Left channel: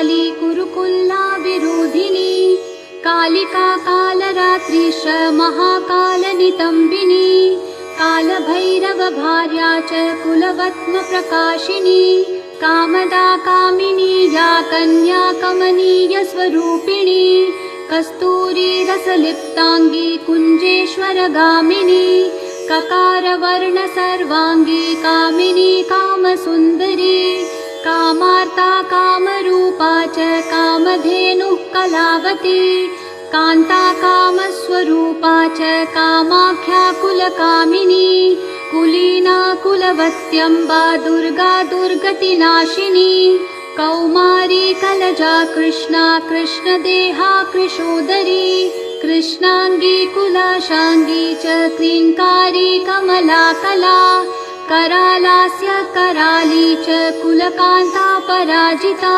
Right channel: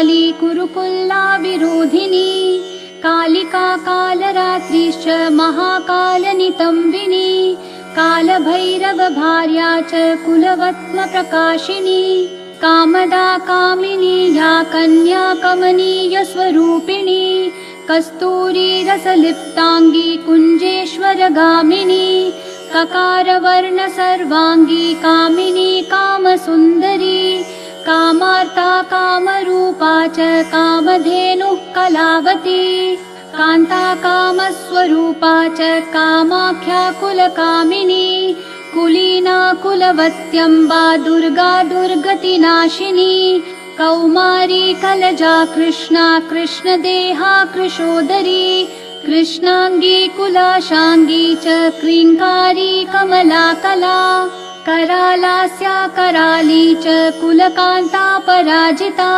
काली कुरुकुल्ला विरोधिनी कालिका कालरात्रिश्च महाकालनितम्बिनी कालभैरव भार्या च कुलवत्म प्रकाशिनी कामदा कामिनी लाकन्या कमनीय स्वरूपिणी कस्तूरी रसलिप्तांगी कुंजेश्वर गामिनी ककार वर्ण सर्वांगी कामिनी कामसुंदरी कामार्ता कामरूपा च कामधेनुः कलावती कांता कामस्वरूपा च कामाख्या कुलकामिनी कुलीना कुलवत्यंबा दुर्गा दुर्गतिनाशिनी कौमारी कलजा कृष्णा कृष्णदेहा कृशोदरी कृष्णांगी कुलाशांगी च क्लींकारी कमला कला करालास्य कराली च कुलकांता पराजिता